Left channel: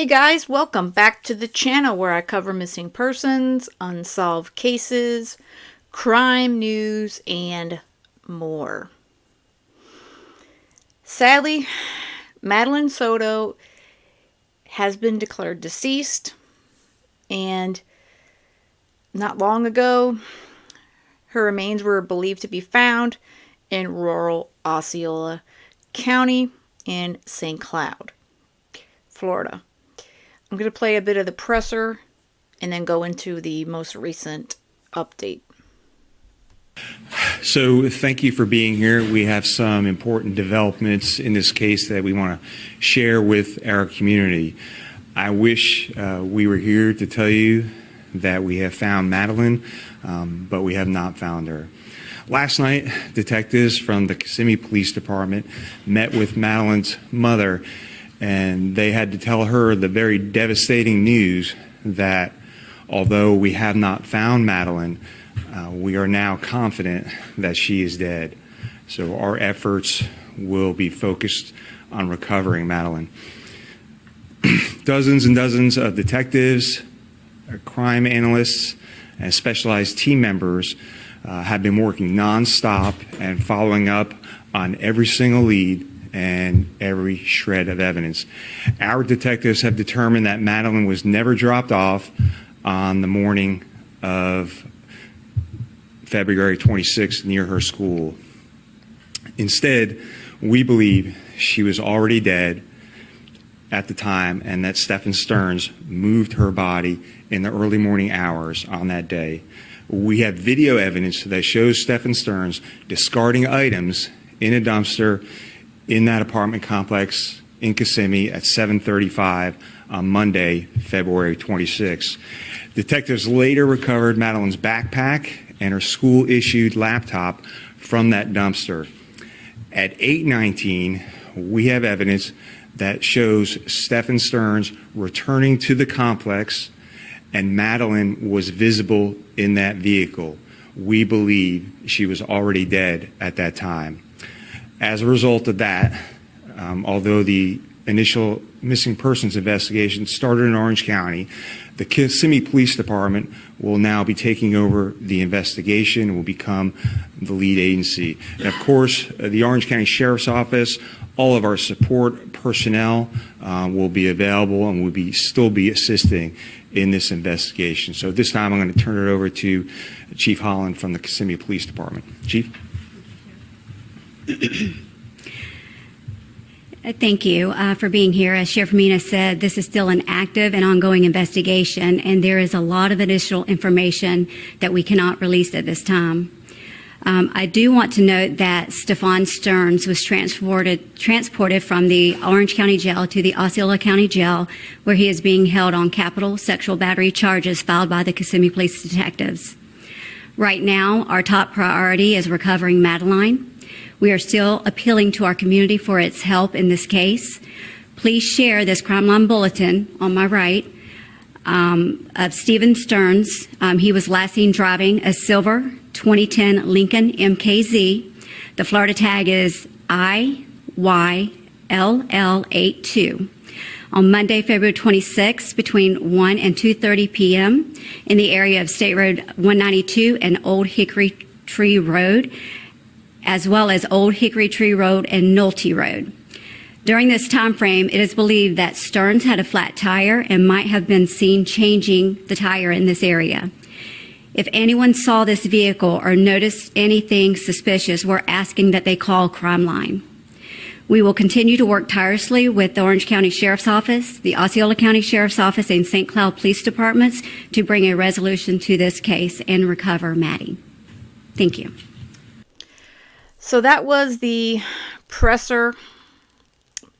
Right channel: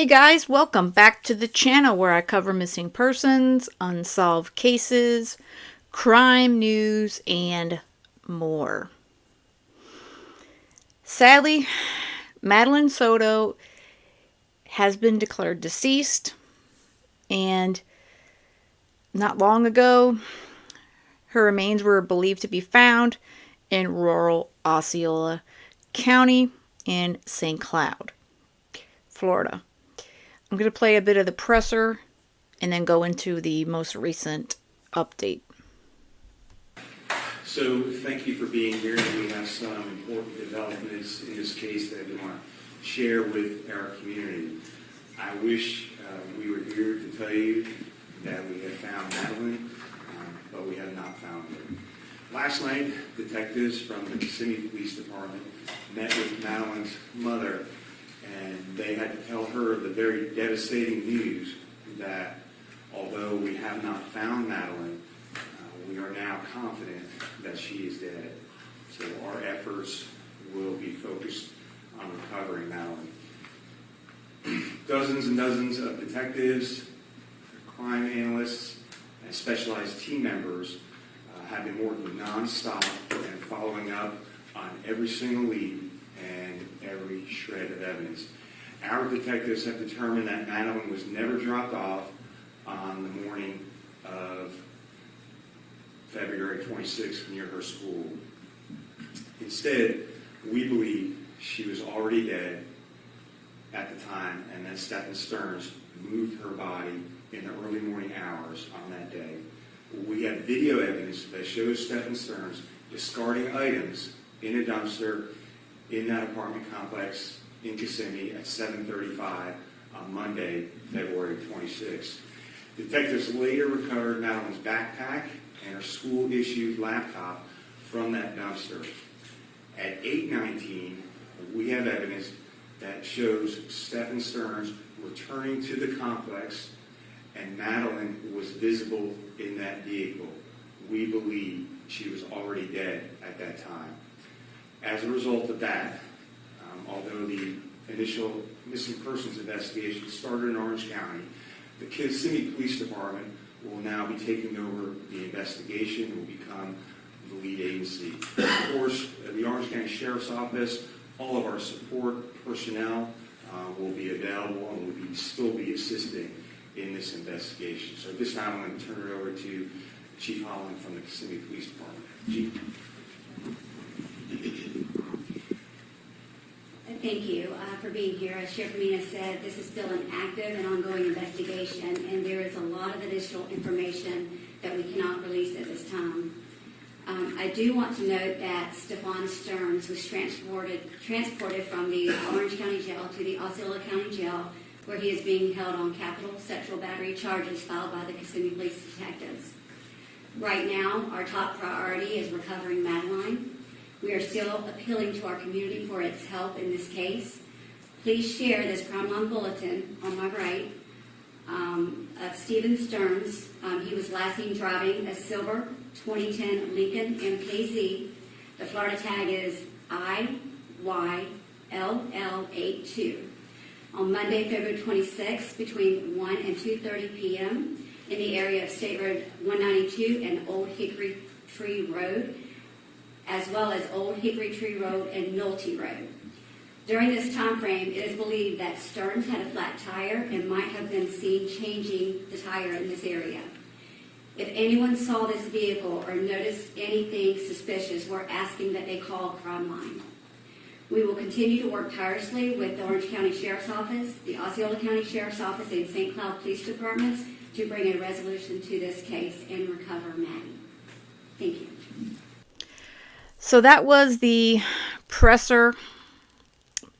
Hey guys, welcome back to the channel where I cover missing persons, unsolved cases, crime news, and more. Sadly, Madeline Soto has been declared deceased, and not long ago, her remains were believed to be found in rural Osceola County in St. Cloud, Florida. I'm going to play a bit of the presser and then go into the most recent update. So thank you for being here. We have some important developments in this case that we want to share with our community. I wish we were here to tell you that we have found Madeline, but we have not found her. Last night, detectives from the Kissimmee Police Department met with Madeline's mother, and they had to tell her the very devastating news that although we have not found Madeline, we are now confident that she is dead. So our efforts will be focused on recovering Madeline. Dozens and dozens of detectives, crime analysts, and specialized team members have been working nonstop and following up on every single lead and every shred of evidence. Our detectives have determined that Madeline was never dropped off on the morning of February 26th near her school. Instead, we believe she was already dead at the time and that Stephan Stevens moved her body in the early morning hours on that day. We have video evidence that shows Stephan Stevens discarding items in a dumpster in that apartment complex in Kissimmee at 7:35 on Monday, February 26. Detectives later recovered Madeline's backpack and her school-issued laptop from that dumpster. At 8:19, we have evidence that shows Stephan Stevens returning to the complex, and Madeline was visible in that vehicle. We believe she was already dead at that time. As a result of that, although the initial missing persons investigation started in Orange County, the Kissimmee Police Department will now be taking over the investigation and will become the lead agency. And of course, the Orange County Sheriff's Office, all of our support personnel will be available and will still be assisting in this investigation. So at this time, I'm going to turn it over to Chief Holland from the Kissimmee Police Department. Chief? Thank you for being here. As Sheriff Mina said, this is still an active and ongoing investigation, and there is a lot of additional information that we cannot release at this time. I do want to note that Stephan Stevens was transported from the Orange County Jail to the Osceola County Jail, where he is being held on capital sexual battery charges filed by the Kissimmee Police detectives. Right now, our top priority is recovering Madeline. We are still appealing to our community for its help in this case. Please share this crime line bulletin on my right of Stephan Stevens. He was last seen driving a silver 2010 Lincoln MKZ. The Florida tag is IYLL82. On Monday, February 26, between 1 and 2:30 p.m. in the area of State Road 192 and Old Hickory Tree Road, as well as Old Hickory Tree Road and Nolte Road. During this time frame, it is believed that Stearns had a flat tire and might have been seen changing the tire in this area. If anyone saw this vehicle or noticed anything suspicious, we're asking that they call Crime Line. We will continue to work tirelessly with the Orange County Sheriff's Office, the Osceola County Sheriff's Office, and St. Cloud Police Departments to bring a resolution to this case and recover Maddie. Thank you. So that was the presser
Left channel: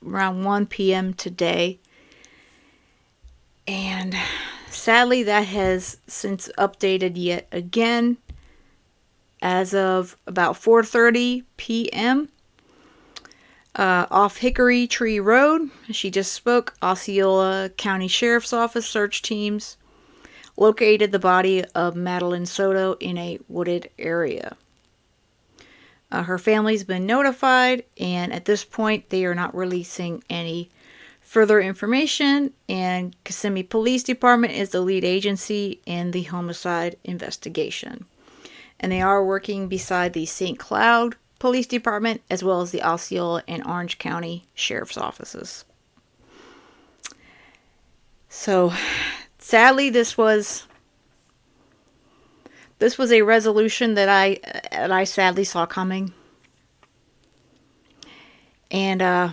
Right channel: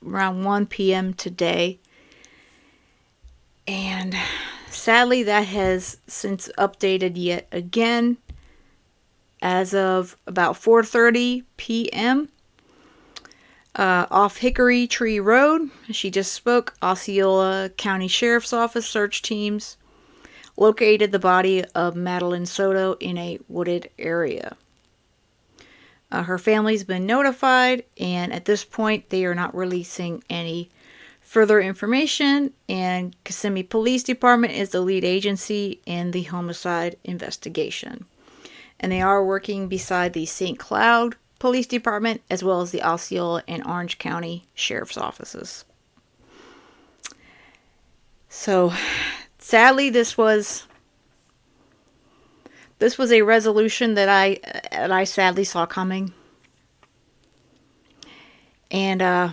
around 1 p.m. today. And sadly, that has since updated yet again. As of about 4:30 p.m., off Hickory Tree Road, she just spoke, Osceola County Sheriff's Office search teams located the body of Madeline Soto in a wooded area. Her family's been notified, and at this point, they are not releasing any further information, and Kissimmee Police Department is the lead agency in the homicide investigation. And they are working beside the St. Cloud Police Department as well as the Osceola and Orange County Sheriff's Offices. So, sadly, this was a resolution that I sadly saw coming. And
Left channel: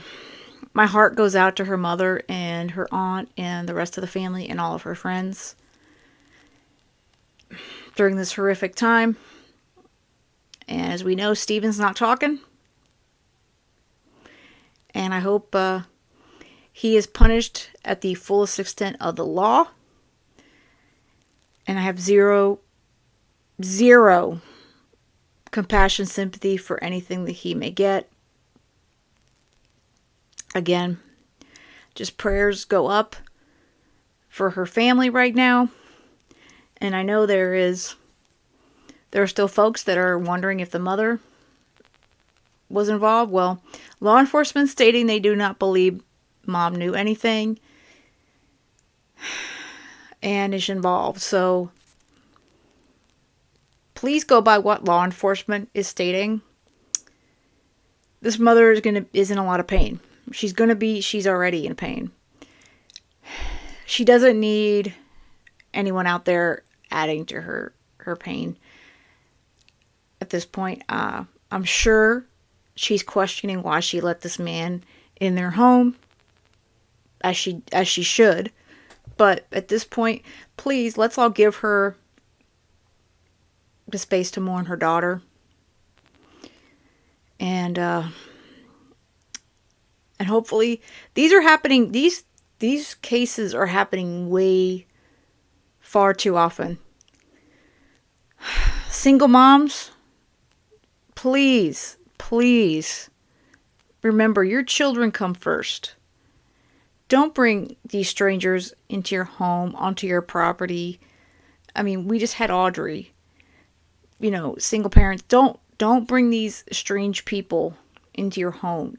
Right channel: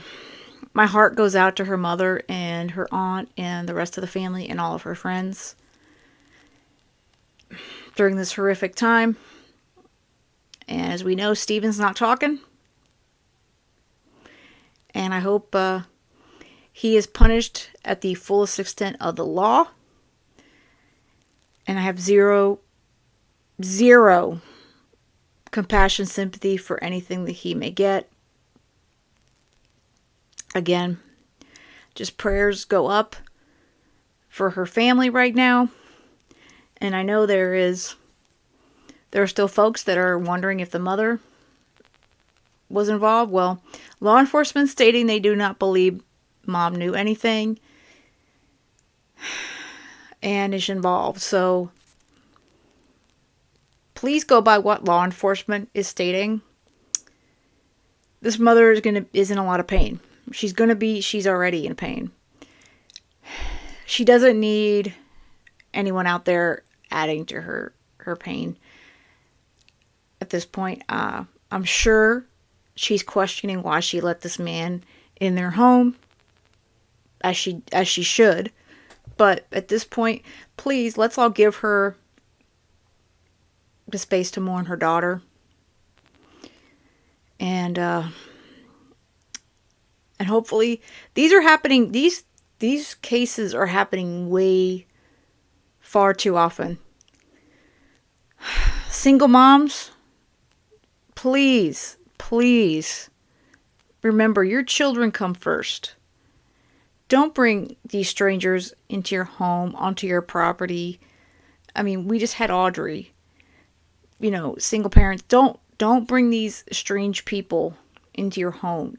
my heart goes out to her mother and her aunt and the rest of the family and all of her friends during this horrific time. And as we know, Stephen's not talking. And I hope he is punished at the fullest extent of the law. And I have zero compassion, sympathy for anything that he may get. Again, just prayers go up for her family right now. And I know there are still folks that are wondering if the mother was involved. Well, law enforcement stating they do not believe mom knew anything and is involved. So please go by what law enforcement is stating. This mother is in a lot of pain. She's already in pain. She doesn't need anyone out there adding to her pain. At this point, I'm sure she's questioning why she let this man in their home, as she should. But at this point, please, let's all give her the space to mourn her daughter. And hopefully these are happening. These cases are happening way far too often. Single moms, please remember your children come first. Don't bring these strangers into your home, onto your property. I mean, we just had Audrey. Single parents, don't bring these strange people into your home.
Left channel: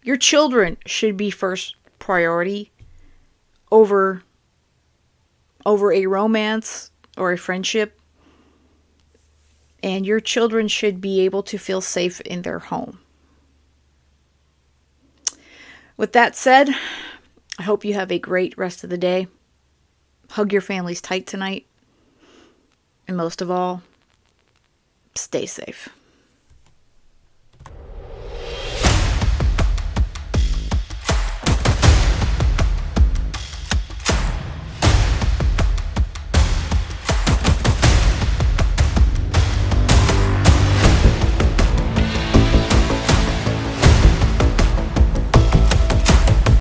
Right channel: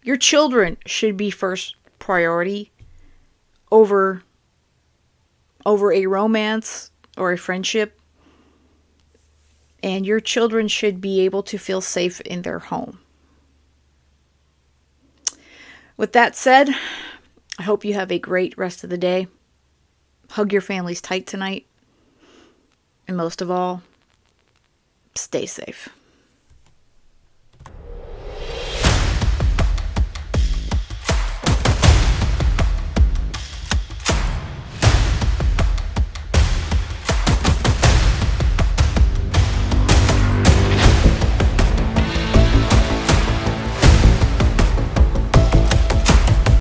Your children should be first priority over a romance or a friendship. And your children should be able to feel safe in their home. With that said, I hope you have a great rest of the day. Hug your families tight tonight. And most of all, stay safe.